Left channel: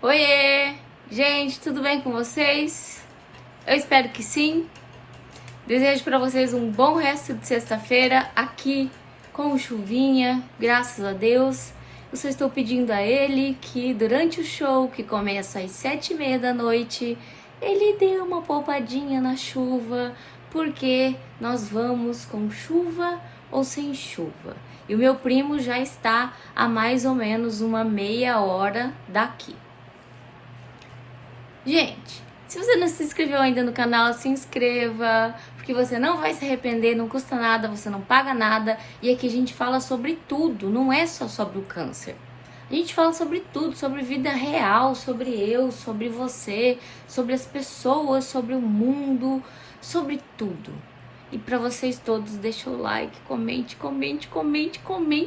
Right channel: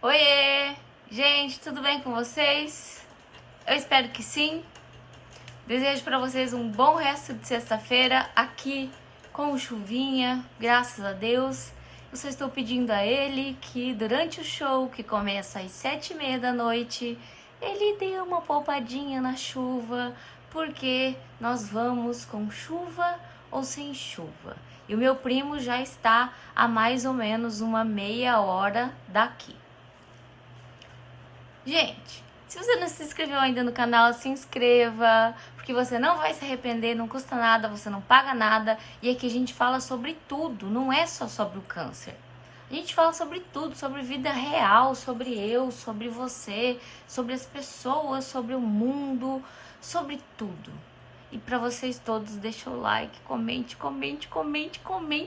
Oiê! Gente, tudo bem com vocês? Eu espero que sim. Desejo para vocês um bom resto de sexta-feira aqui com chuvinha, graças a Deus. Eu só estou pedindo a ele que durante o show, que começa às 7h30 da noite, ele dê uma poupadinha na chuva, porque nós vamos com chuva ou sem chuva. E o meu primo já está a mais ou menos uma meia hora daqui. Gente, se você não se inscreveu ainda no canal, se inscreva, porque você não vai se arrepender, não custa nada, você não paga nada. E aqui a gente fala sobre tudo, não é só sobre o câncer. A gente fala sobre tudo, sobre vida real, sobre eu, sobre você, sobre as pessoas, sobre o mundo, sobre tudo. E para vocês todos, deixa o like, comente,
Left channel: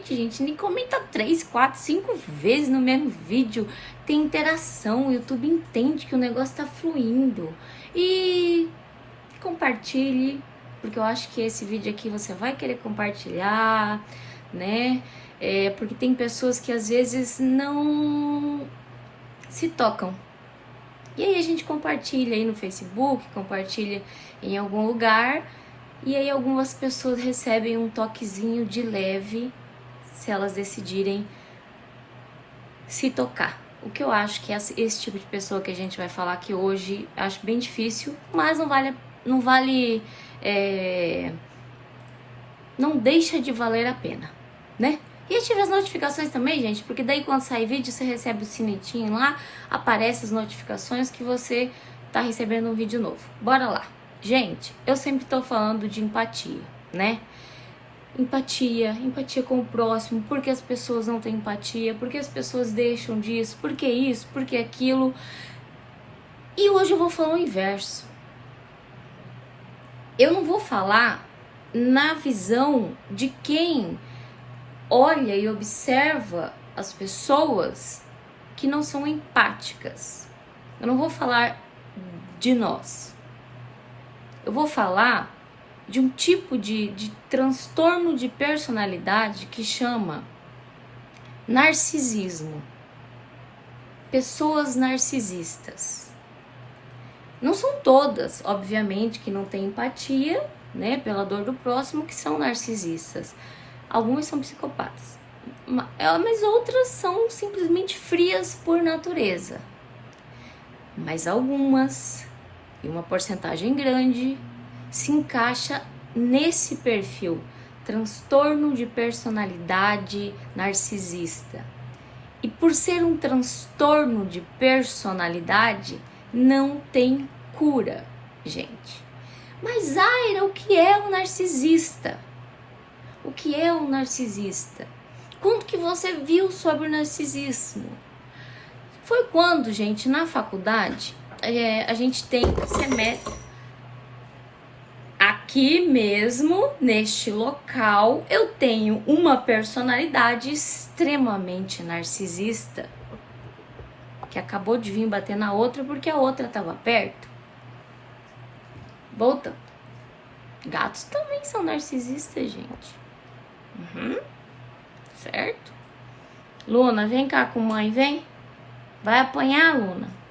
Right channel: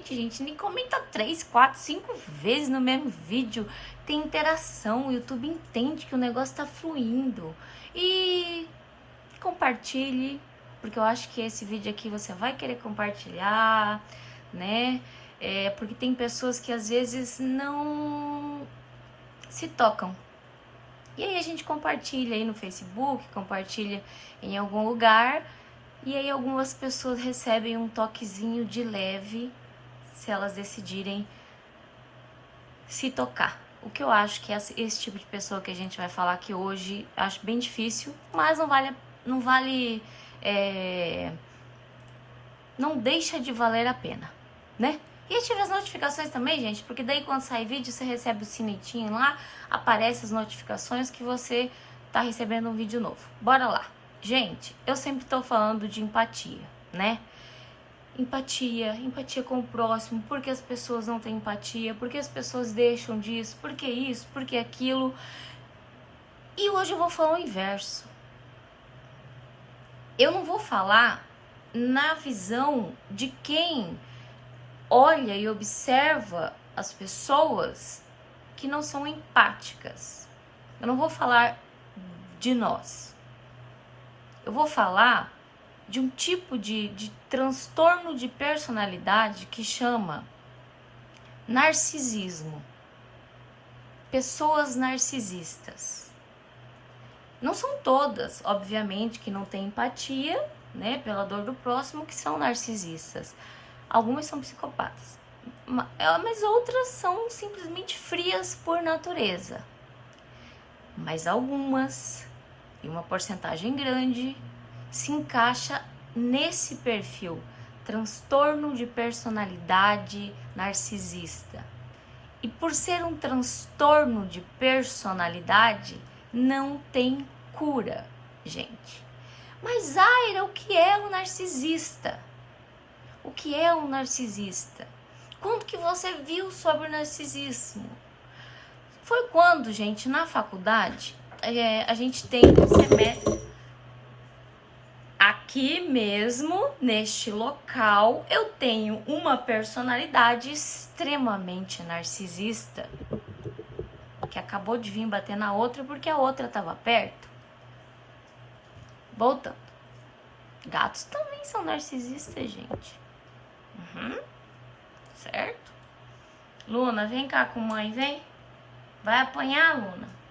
gente. Nem comenta 3, 4, 5 vezes no mesmo vídeo. Tem interação, o YouTube entende que o negócio tá fluindo. E compartilhe, porque eu acho que esse vídeo aqui você vai querer compartilhar, né? Porque tem pessoas que às vezes não se tocam. E aí a gente compartilha aí no Facebook, compartilha em algum lugar. E aí algumas pessoas recebem um toquezinho de leve se elas decidirem se tocar. O que eu acho que esse tipo de pessoa que a gente vai falar aqui hoje, acho bem difícil, mas não deixa de valer a pena, né? E ative as notificações também, gente, porque daí quando sair vídeo você recebe o sinetinho lá, aparece as notificações que você tá recebendo um vídeo novo. Bora lá. Gente, eu sempre tô falando de empatia, né? Empatia com o próximo, porque as pessoas não têm empatia, porque as pessoas deixam disso, porque isso, porque aquilo. E hoje eu vou falar o inverso. Eu não vou falar na visão de quem olha e observa as pessoas que não são empáticas. Eu não vou falar de nós. Eu vou falar de um tipo de transtorno de personalidade que chama narcisismo. Pessoas narcisistas. Não são todas, obviamente, que não têm empatia, né, pela dor do próximo, que são narcisistas. Algumas são psicopatas, mas outras são simplesmente frias por natureza. Mas algumas, e uma porcentagem grande, se encaixa nesse perfil, transtorno de personalidade narcisista. E por ser um transtorno de personalidade, não tem cura, gente. Mas, Zaira, o que é um narcisista? O que é um narcisista? Quando que você viu sobre o narcisismo? Foi quando, gente, na faculdade, a gente tem semestre. Aqui mesmo, neste local, eu tenho uma personalidade extremamente narcisista, que acabou de vir bater na outra porque a outra estava perto. Voltando. Gatos também são narcisistas, gente. Certo? Luna, vem cá com mãe, vem. Vai apanhar, Luna.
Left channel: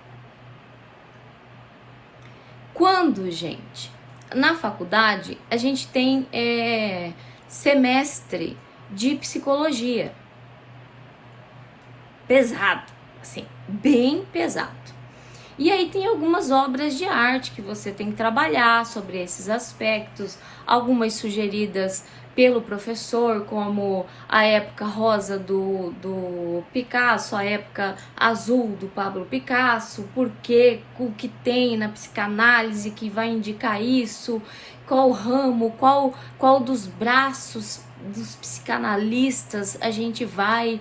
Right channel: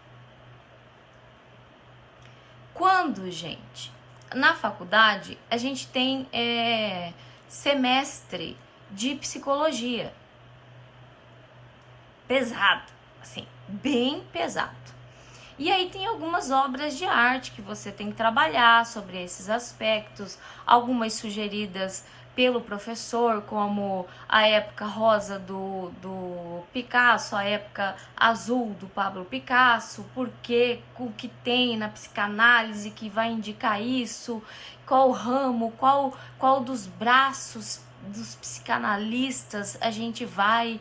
Quando, gente, na faculdade, a gente tem semestre de psicologia. Pesado, assim, bem pesado. E aí tem algumas obras de arte que você tem que trabalhar sobre esses aspectos, algumas sugeridas pelo professor, como a época rosa do Picasso, a época azul do Pablo Picasso, porque o que tem na psicanálise que vai indicar isso, qual ramo, qual dos braços dos psicanalistas a gente vai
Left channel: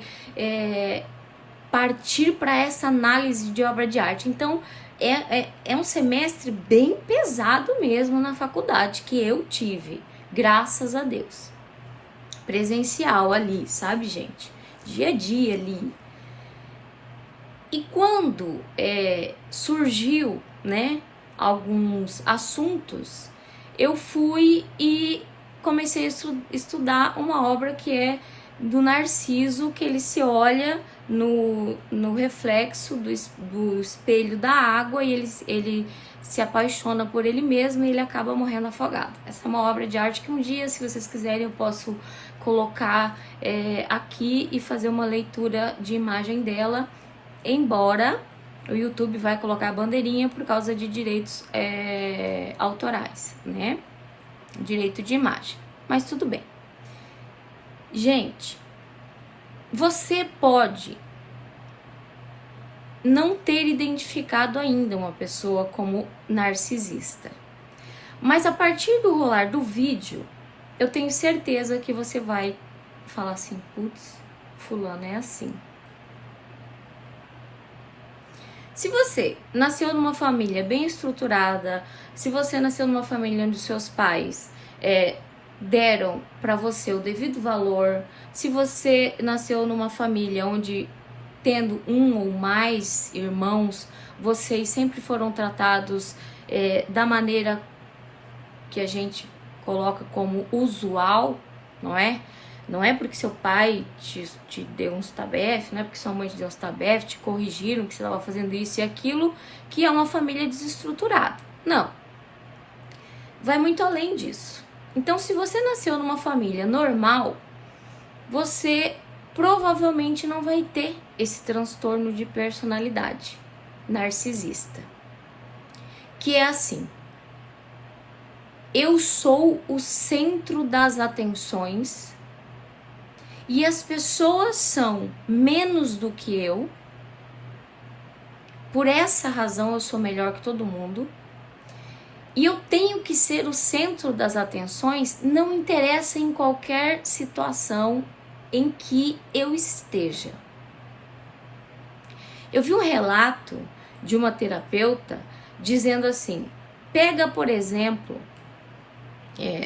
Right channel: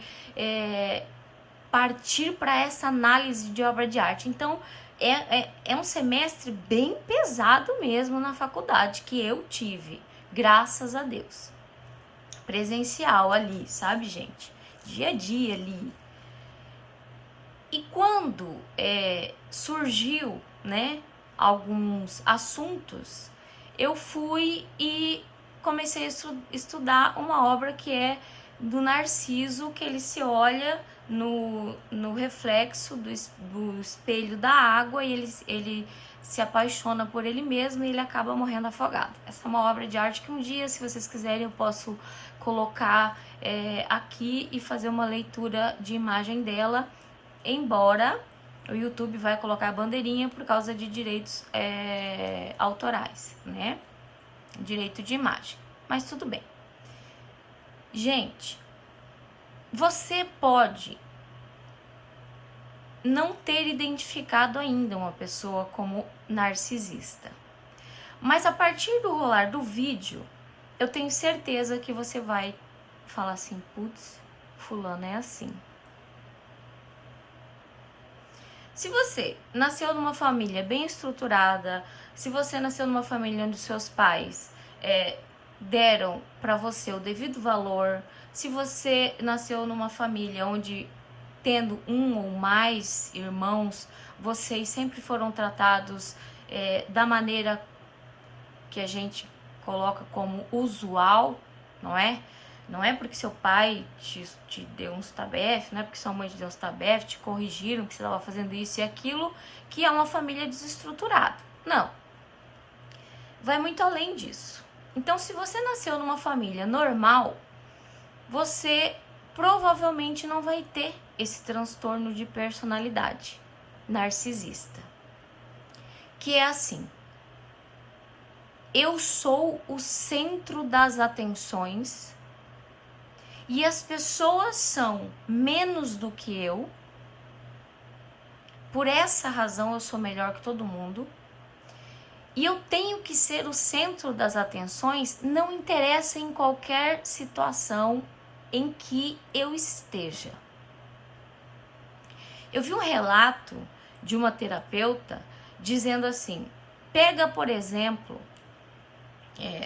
partir para essa análise de obra de arte. Então, é um semestre bem pesado mesmo na faculdade que eu tive, graças a Deus. Presencial ali, sabe, gente? Dia a dia ali. E quando surgiu, né, alguns assuntos, eu fui e comecei a estudar uma obra que é do Narciso, que ele se olha no reflexo do espelho da água e ele se apaixona por ele mesmo e ele acaba morrendo afogado. Essa é uma obra de arte que um dia, se vocês quiserem, eu posso colocar aqui e fazer uma leitura de imagem dela, embora o YouTube vai colocar a bandeirinha por causa de direitos autorais, né? Direito de imagem. Mas tudo bem. Gente, você pode não ter identificado ainda uma pessoa como narcisista. Mas a partir do rolar do vídeo, eu tenho certeza que você vai falar assim, putz, fulano é assim. Se você nasceu numa família bem estruturada, se você nasceu numa família onde seus pais deram para você o devido valor, se você nasceu numa família onde, tendo um ou mais irmãos, vocês sempre foram tratados da maneira que a gente coloca como usual, não é? Não é porque seu pai te deu uns tabef, não é porque sua mãe te deu uns tabef, te corrigiram que você estava fazendo isso e aquilo, que é uma família desestruturada. Não. Vai muito além disso. Então, se você nasceu numa família normal, você provavelmente não vai ter esse transtorno de personalidade narcisista. Que é assim: eu sou o centro das atenções e as pessoas são menos do que eu. Por essa razão eu sou melhor que todo mundo. E eu tenho que ser o centro das atenções, não interessa em qualquer situação em que eu esteja. Eu vi um relato de uma terapeuta dizendo assim: pega, por exemplo,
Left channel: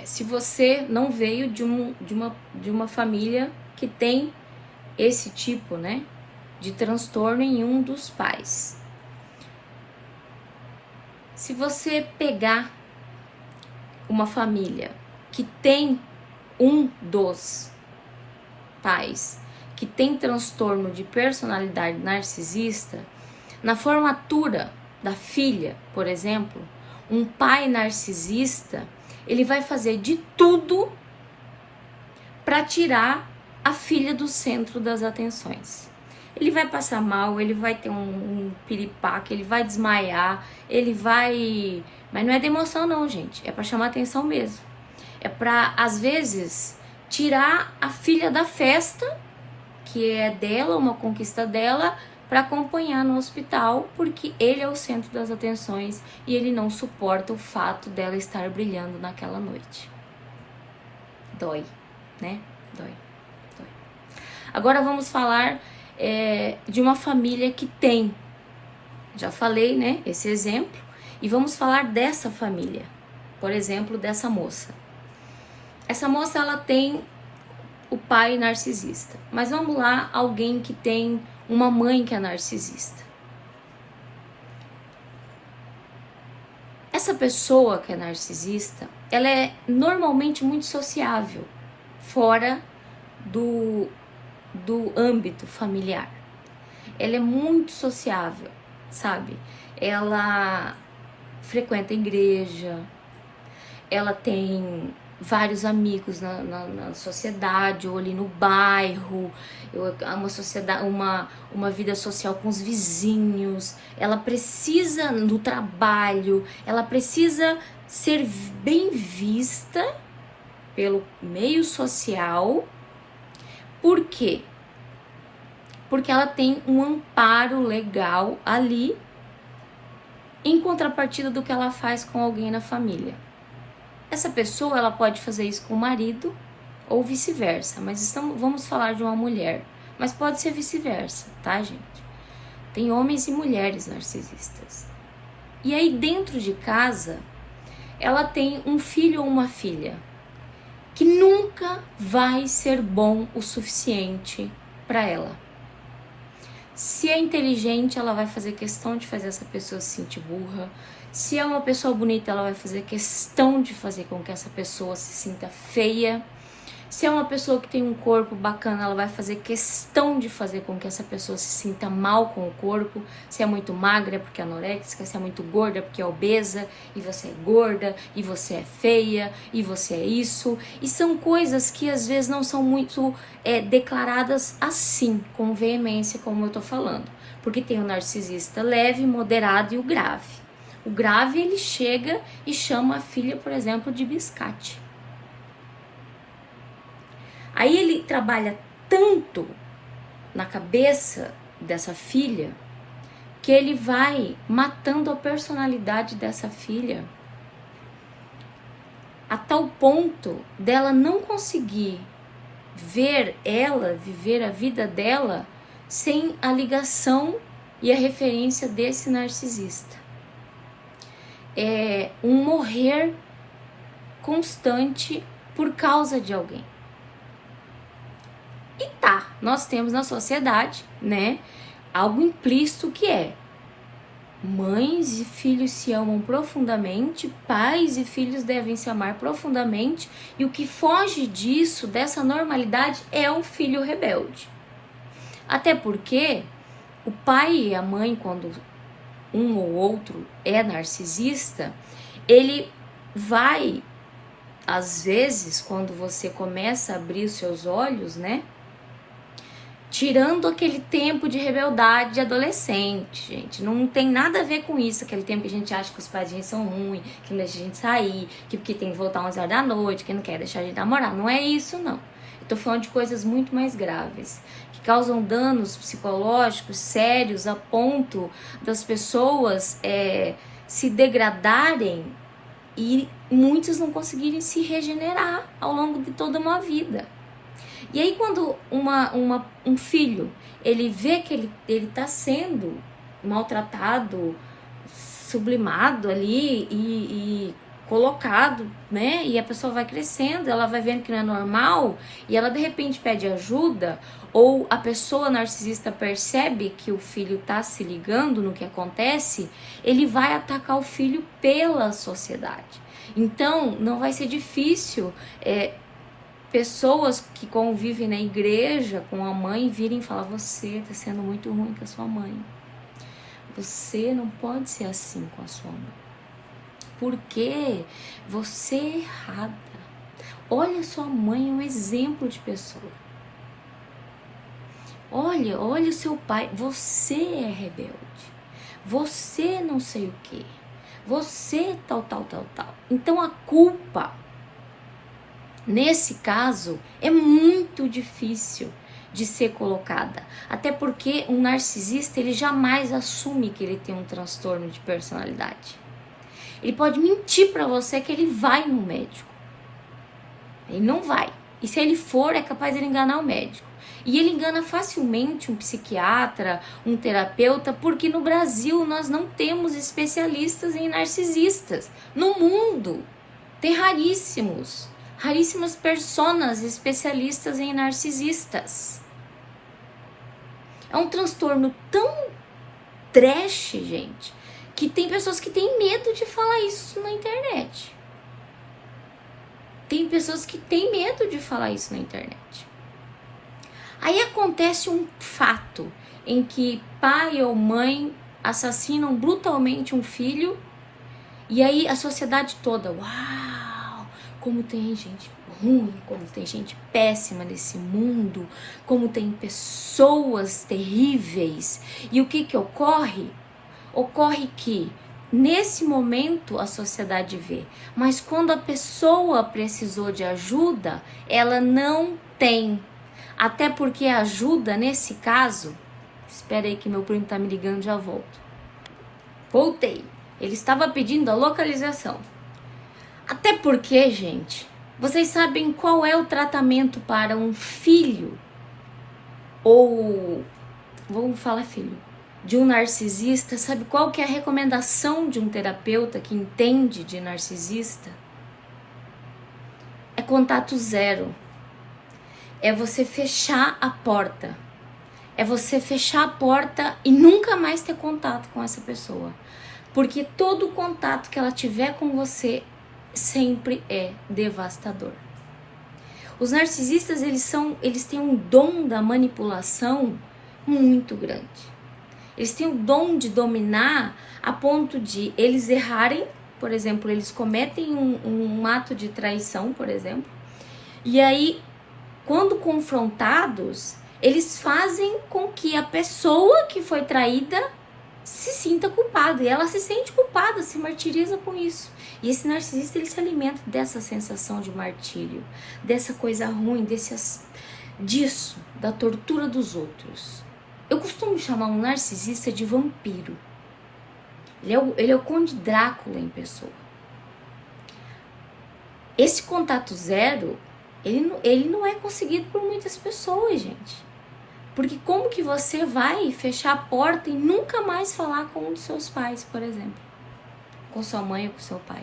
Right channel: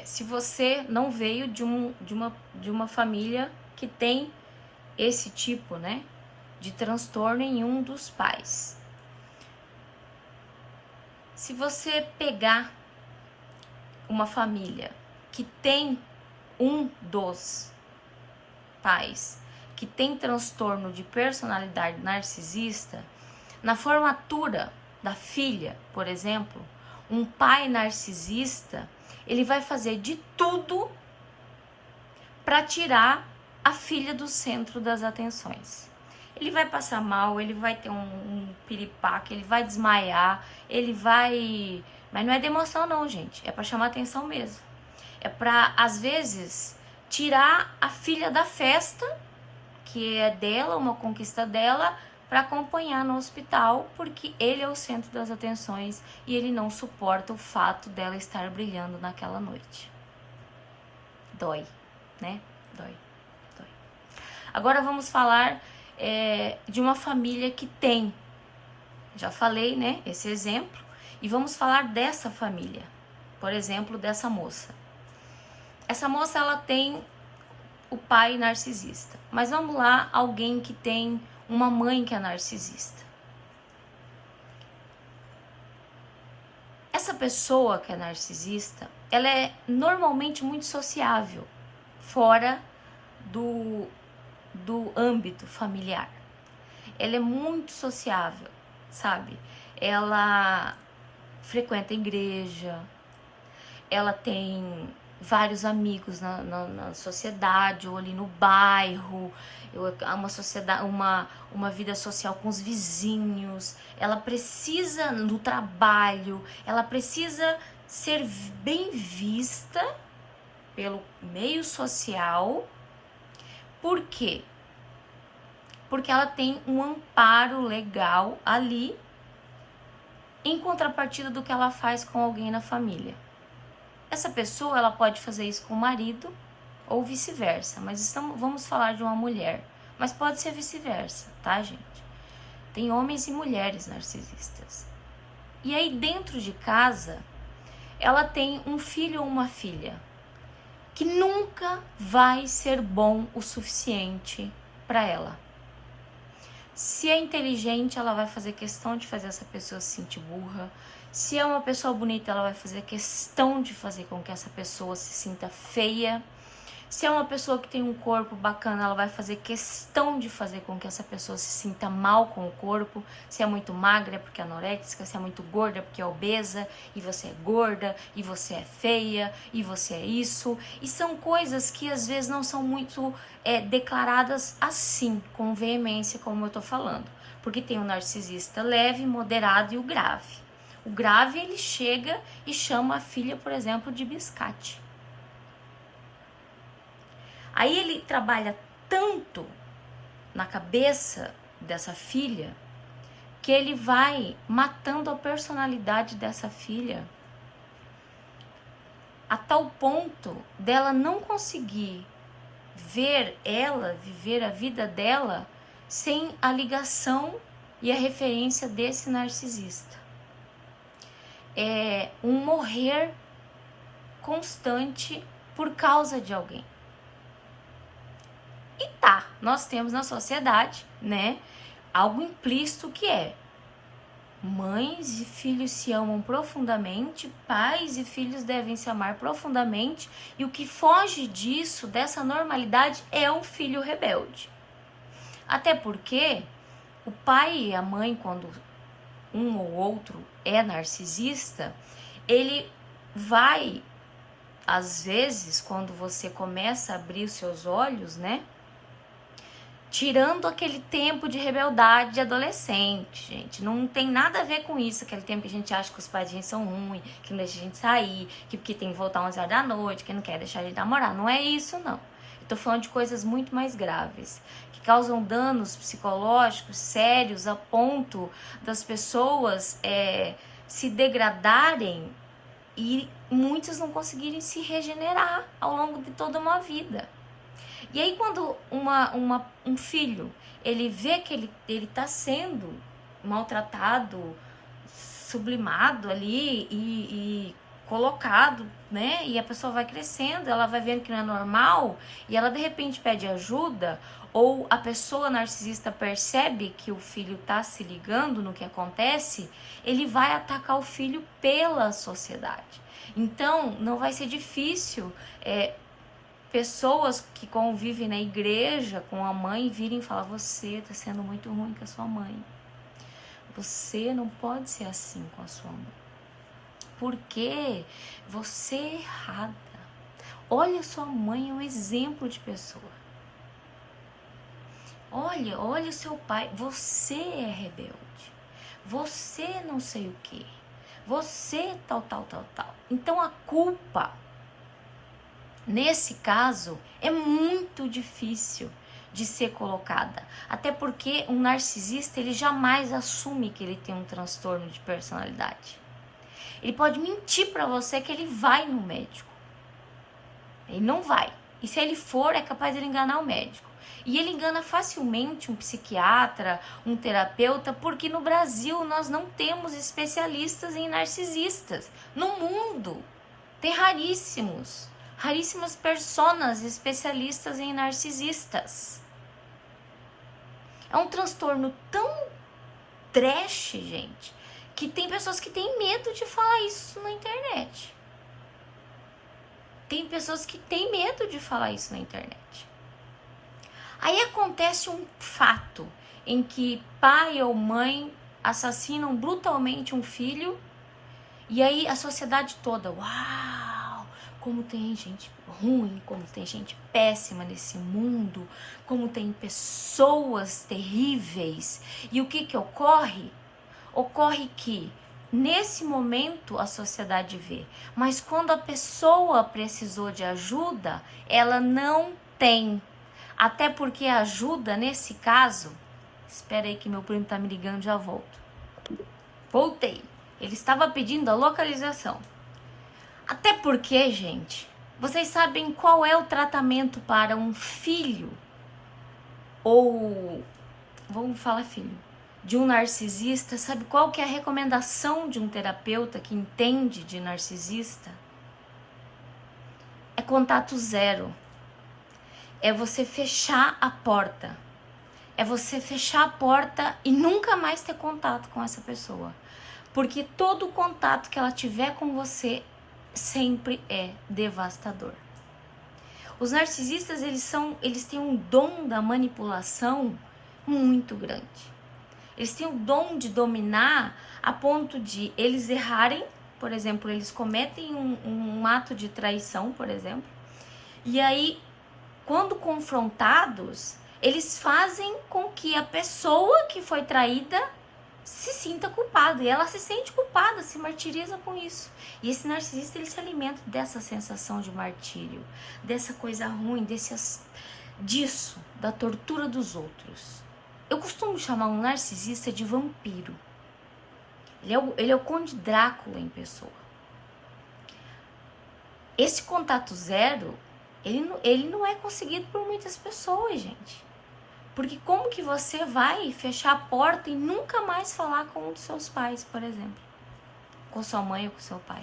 se você não veio de uma família que tem esse tipo, né, de transtorno em um dos pais. Se você pegar uma família que tem um dos pais que tem transtorno de personalidade narcisista, na formatura da filha, por exemplo, um pai narcisista, ele vai fazer de tudo para tirar a filha do centro das atenções. Ele vai passar mal, ele vai ter um piripaque, ele vai desmaiar, ele vai... Mas não é de emoção não, gente, é para chamar atenção mesmo. É para, às vezes, tirar a filha da festa, que é dela, uma conquista dela, para acompanhar no hospital, porque ele é o centro das atenções e ele não suporta o fato dela estar brilhando naquela noite. Dói, né? Dói. Agora vamos falar de uma família que tem, já falei, né, esse exemplo, e vamos falar dessa família, por exemplo, dessa moça. Essa moça, ela tem o pai narcisista, mas vamos lá, alguém que tem uma mãe que é narcisista. Essa pessoa que é narcisista, ela é normalmente muito sociável, fora do âmbito familiar. Ela é muito sociável, sabe? Ela frequenta a igreja, ela tem vários amigos na sociedade ou ali no bairro, uma sociedade, uma vida social com os vizinhos. Ela precisa no trabalho, ela precisa ser bem vista pelo meio social. Por quê? Porque ela tem um amparo legal ali, em contrapartida do que ela faz com alguém na família. Essa pessoa, ela pode fazer isso com o marido ou vice-versa, mas vamos falar de uma mulher, mas pode ser vice-versa, tá, gente? Tem homens e mulheres narcisistas. E aí, dentro de casa, ela tem um filho ou uma filha que nunca vai ser bom o suficiente para ela. Se é inteligente, ela vai fazer questão de fazer essa pessoa se sentir burra. Se é uma pessoa bonita, ela vai fazer questão de fazer com que essa pessoa se sinta feia. Se é uma pessoa que tem um corpo bacana, ela vai fazer questão de fazer com que essa pessoa se sinta mal com o corpo. Se é muito magra é porque é anoréxica, se é muito gorda é porque é obesa, e você é gorda, e você é feia, e você é isso. E são coisas que às vezes não são muito declaradas assim, com veemência, como eu tô falando. Porque tem o narcisista leve, moderado e o grave. O grave, ele chega e chama a filha, por exemplo, de biscate. Aí ele trabalha tanto na cabeça dessa filha que ele vai matando a personalidade dessa filha a tal ponto dela não conseguir ver ela, viver a vida dela sem a ligação e a referência desse narcisista. É um morrer constante por causa de alguém. E tá, nós temos na sociedade, né, algo implícito que é: mães e filhos se amam profundamente, pais e filhos devem se amar profundamente, e o que foge disso, dessa normalidade, é o filho rebelde. Até porque o pai e a mãe, quando um ou outro é narcisista, ele vai, às vezes, quando você começa a abrir os seus olhos, né, tirando aquele tempo de rebeldeade de adolescente, gente. Não tem nada a ver com isso, aquele tempo que a gente acha que os pais de gente são ruins, que não deixa a gente sair, que porque tem que voltar 11 horas da noite, que não quer deixar a gente namorar. Não é isso, não. Eu tô falando de coisas muito mais graves, que causam danos psicológicos sérios a ponto das pessoas se degradarem e muitos não conseguirem se regenerar ao longo de toda uma vida. E aí quando um filho, ele vê que ele tá sendo maltratado, sublimado ali e colocado, né? E a pessoa vai crescendo, ela vai vendo que não é normal e ela de repente pede ajuda, ou a pessoa narcisista percebe que o filho tá se ligando no que acontece, ele vai atacar o filho pela sociedade. Então não vai ser difícil pessoas que convivem na igreja com a mãe virem falar: você tá sendo muito ruim com a sua mãe. Você não pode ser assim com a sua mãe. Porque você é errada. Olha, sua mãe é um exemplo de pessoa. Olha o seu pai. Você é rebelde. Você não sei o quê. Você tal. Então a culpa, nesse caso, é muito difícil de ser colocada. Até porque um narcisista, ele jamais assume que ele tem um transtorno de personalidade. Ele pode mentir pra você que ele vai no médico. Ele não vai. E se ele for, é capaz de ele enganar o médico. E ele engana facilmente um psiquiatra, um terapeuta, porque no Brasil nós não temos especialistas em narcisistas. No mundo, tem raríssimas personas especialistas em narcisistas. É um transtorno tão trash, gente, que tem pessoas que têm medo de falar isso na internet. Tem pessoas que têm medo de falar isso na internet. Aí acontece um fato em que pai ou mãe assassinam brutalmente um filho, e aí a sociedade toda, uau, como tem gente ruim, como tem gente péssima nesse mundo, como tem pessoas terríveis. E o que ocorre? Ocorre que nesse momento a sociedade vê, mas quando a pessoa precisou de ajuda, ela não tem. Até porque a ajuda, nesse caso... Espera aí que meu primo tá me ligando, já volto. Voltei. Ele estava pedindo a localização. Até porque, gente, vocês sabem qual é o tratamento para um filho, ou vamos falar filho, de um narcisista? Sabe qual que é a recomendação de um terapeuta que entende de narcisista? É contato zero. É você fechar a porta. É você fechar a porta e nunca mais ter contato com essa pessoa. Porque todo contato que ela tiver com você sempre é devastador. Os narcisistas, eles têm um dom da manipulação muito grande. Eles têm o dom de dominar a ponto de eles errarem, por exemplo, eles cometem um ato de traição, por exemplo, e aí, quando confrontados, eles fazem com que a pessoa que foi traída se sinta culpada, e ela se sente culpada, se martiriza com isso. E esse narcisista, ele se alimenta dessa sensação de martírio, dessa coisa ruim, disso, da tortura dos outros. Eu costumo chamar um narcisista de vampiro. Ele é o Conde Drácula em pessoa. Esse contato zero, ele não é conseguido por muitas pessoas, gente. Porque como que você vai fechar a porta e nunca mais falar com um dos seus pais, por exemplo? Com sua mãe ou com seu pai?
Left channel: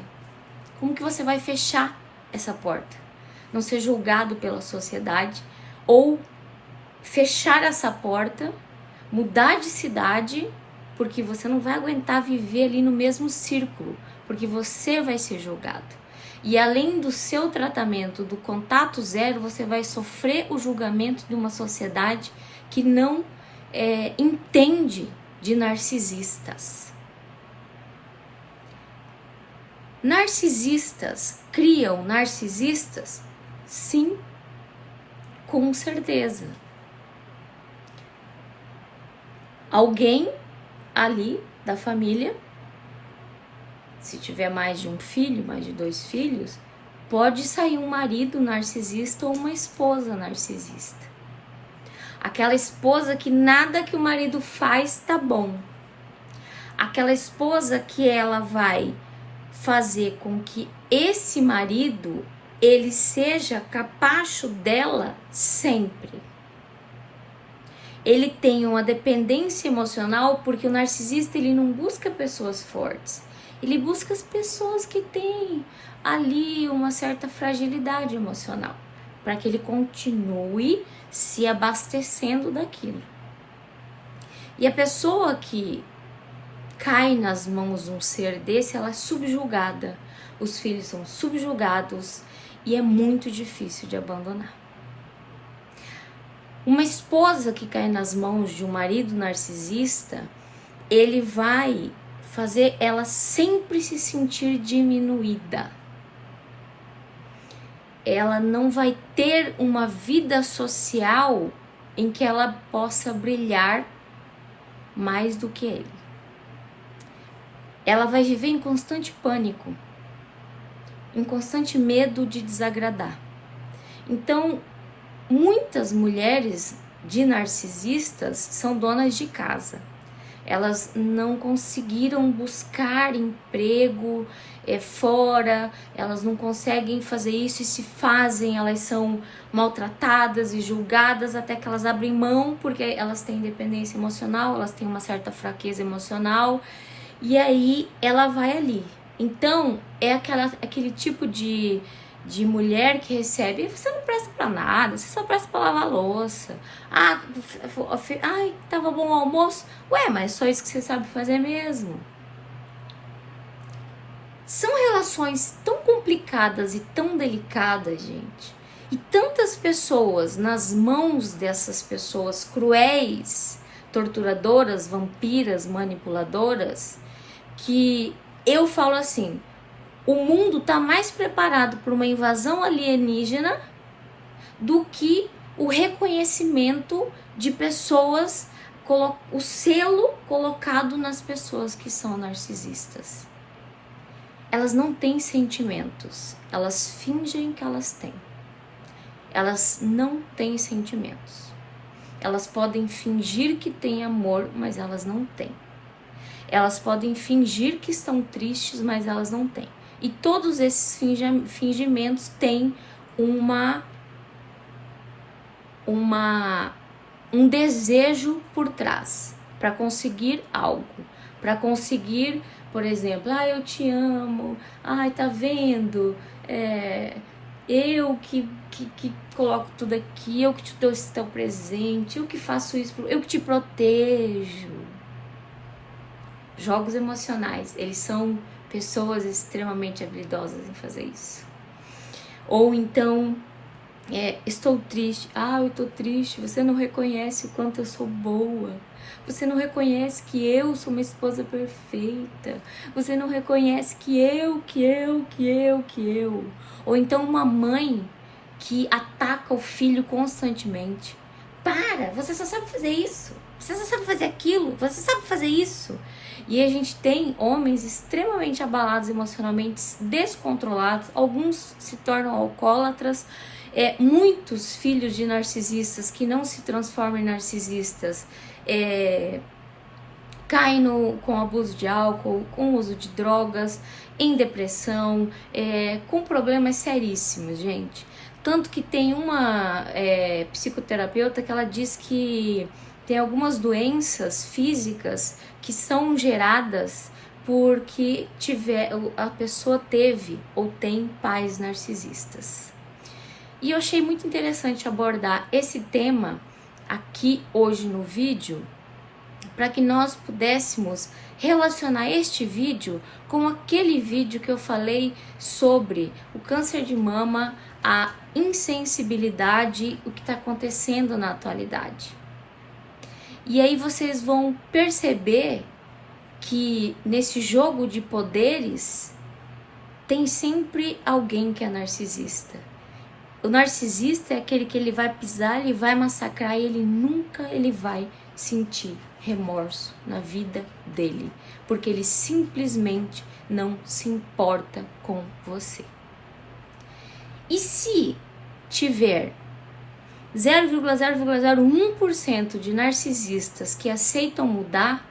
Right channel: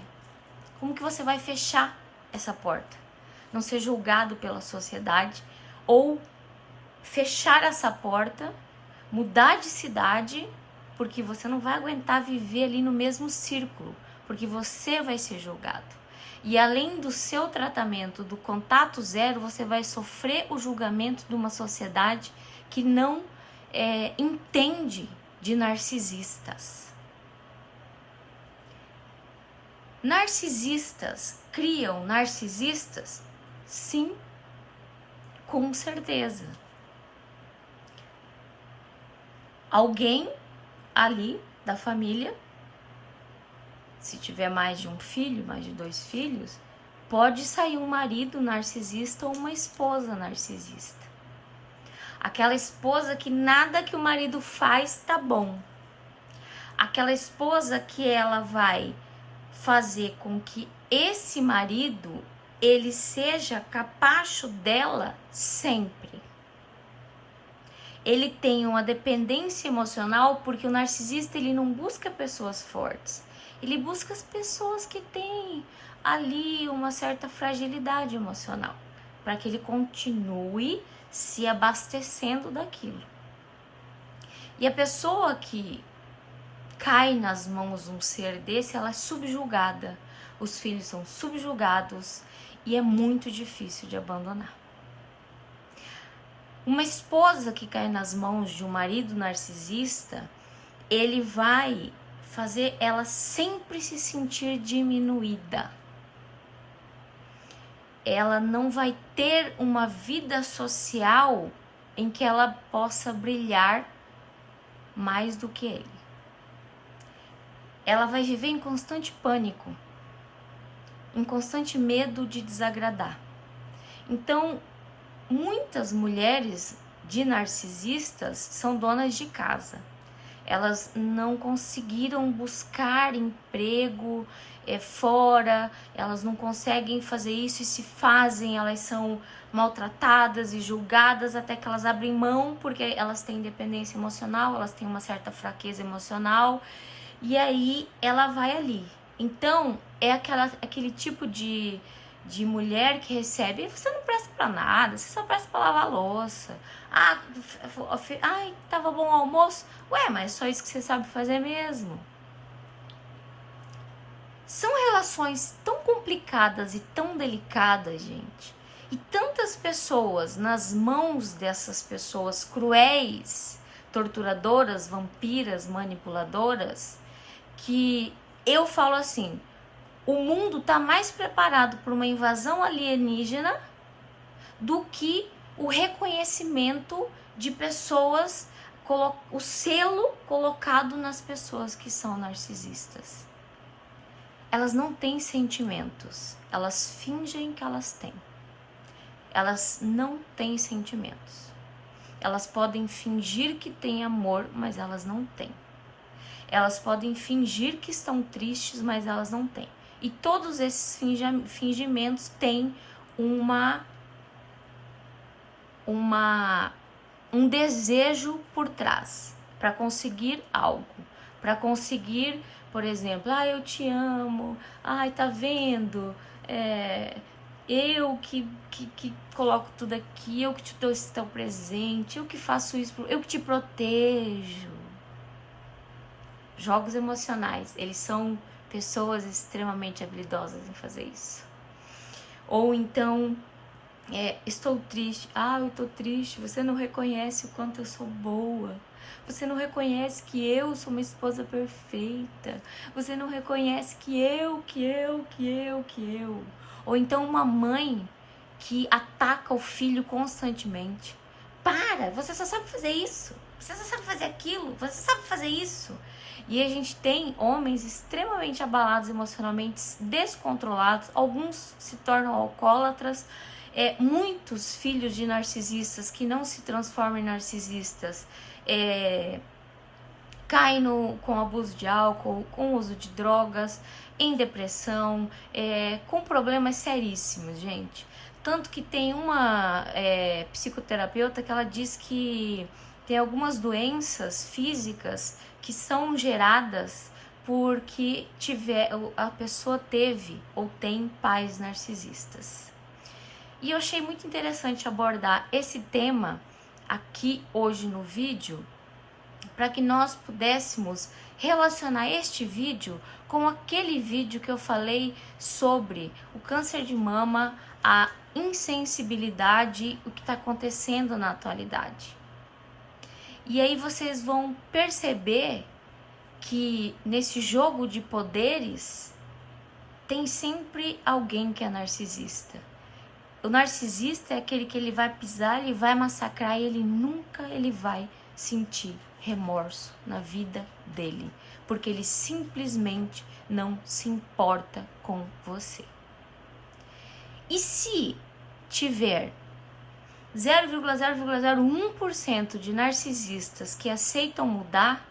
Como que você vai fechar essa porta? Não ser julgado pela sociedade, ou fechar essa porta, mudar de cidade, porque você não vai aguentar viver ali no mesmo círculo, porque você vai ser julgado. E além do seu tratamento, do contato zero, você vai sofrer o julgamento de uma sociedade que não entende de narcisistas. Narcisistas criam narcisistas? Sim, com certeza. Alguém ali da família, se tiver mais de um filho, mais de 2 filhos, pode sair um marido narcisista ou uma esposa narcisista. Aquela esposa que nada que o marido faz tá bom. Aquela esposa que ela vai fazer com que esse marido, ele seja capacho dela sempre. Ele tem uma dependência emocional, porque o narcisista, ele não busca pessoas fortes. Ele busca as pessoas que têm ali uma certa fragilidade emocional, para que ele continue se abastecendo daquilo. E a pessoa que cai nas mãos de um ser desse, ela é subjugada. Os filhos são subjugados e é muito difícil de abandonar. Uma esposa que cai nas mãos de um marido narcisista, ele vai fazer ela sempre se sentir diminuída. Ela não vai ter uma vida social em que ela possa brilhar mais do que ele. Ela vai viver em constante pânico, em constante medo de desagradar. Então, muitas mulheres de narcisistas são donas de casa. Elas não conseguiram buscar emprego fora, elas não conseguem fazer isso, e se fazem, elas são maltratadas e julgadas até que elas abrem mão, porque elas têm dependência emocional, elas têm uma certa fraqueza emocional, e aí ela vai ali. Então, é aquele tipo de mulher que recebe: você não presta pra nada, você só presta pra lavar louça. Ai, tava bom o almoço? Ué, mas só isso que você sabe fazer mesmo. São relações tão complicadas e tão delicadas, gente. E tantas pessoas nas mãos dessas pessoas cruéis, torturadoras, vampiras, manipuladoras, que eu falo assim: o mundo está mais preparado para uma invasão alienígena do que o reconhecimento de pessoas, o selo colocado nas pessoas que são narcisistas. Elas não têm sentimentos, elas fingem que elas têm. Elas não têm sentimentos. Elas podem fingir que têm amor, mas elas não têm. Elas podem fingir que estão tristes, mas elas não têm. E todos esses fingimentos têm um desejo por trás, para conseguir algo, para conseguir, por exemplo, eu te amo, tá vendo, eu que coloco tudo aqui, eu que te dou esse teu presente, eu que faço isso, eu que te protejo. Jogos emocionais, eles são pessoas extremamente habilidosas em fazer isso. Ou então, Estou triste. Ah, eu tô triste. Você não reconhece o quanto eu sou boa. Você não reconhece que eu sou uma esposa perfeita. Você não reconhece que eu. Ou então uma mãe que ataca o filho constantemente. Para, você só sabe fazer isso. Você só sabe fazer aquilo. Você sabe fazer isso. E a gente tem homens extremamente abalados emocionalmente, descontrolados. Alguns se tornam alcoólatras. Muitos filhos de narcisistas que não se transformam em narcisistas caem com abuso de álcool, com uso de drogas, em depressão, com problemas seríssimos, gente. Tanto que tem uma psicoterapeuta que ela diz que tem algumas doenças físicas que são geradas porque a pessoa teve ou tem pais narcisistas. E eu achei muito interessante abordar esse tema aqui hoje no vídeo, para que nós pudéssemos relacionar este vídeo com aquele vídeo que eu falei sobre o câncer de mama, a insensibilidade, o que está acontecendo na atualidade. E aí vocês vão perceber que nesse jogo de poderes tem sempre alguém que é narcisista. O narcisista é aquele que ele vai pisar, ele vai massacrar e ele vai sentir remorso na vida dele, porque ele simplesmente não se importa com você. E se tiver 0,001% de narcisistas que aceitam mudar,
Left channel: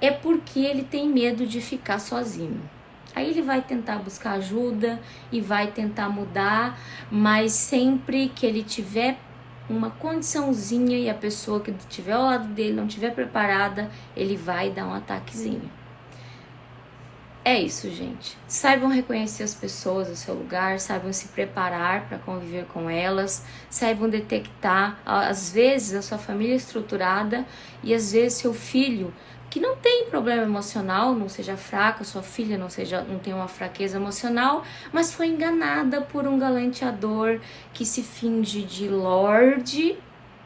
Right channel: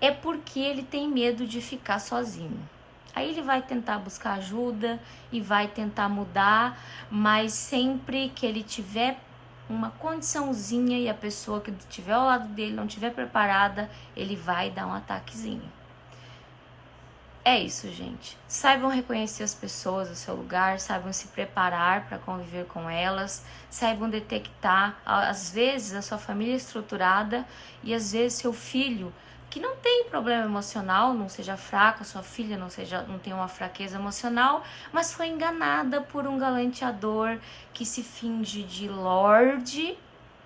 é porque ele tem medo de ficar sozinho. Aí ele vai tentar buscar ajuda e vai tentar mudar, mas sempre que ele tiver uma condiçãozinha e a pessoa que estiver ao lado dele não estiver preparada, ele vai dar um ataquezinho. É isso, gente. Saibam reconhecer as pessoas no seu lugar, saibam se preparar para conviver com elas, saibam detectar, às vezes, a sua família estruturada e às vezes seu filho que não tem problema emocional, não seja fraco, sua filha não tem uma fraqueza emocional, mas foi enganada por um galanteador que se finge de lorde,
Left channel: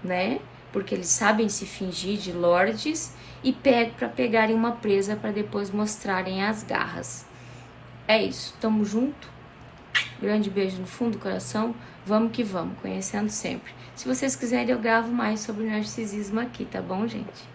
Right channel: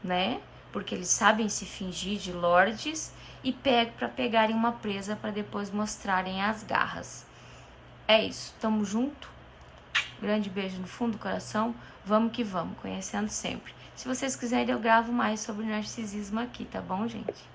né? Porque eles sabem se fingir de lordes e para pegarem uma presa para depois mostrarem as garras. É isso, tamo junto. Grande beijo no fundo do coração. Vamos que vamos, conhecendo sempre. Se vocês quiserem, eu gravo mais sobre narcisismo aqui, tá bom, gente?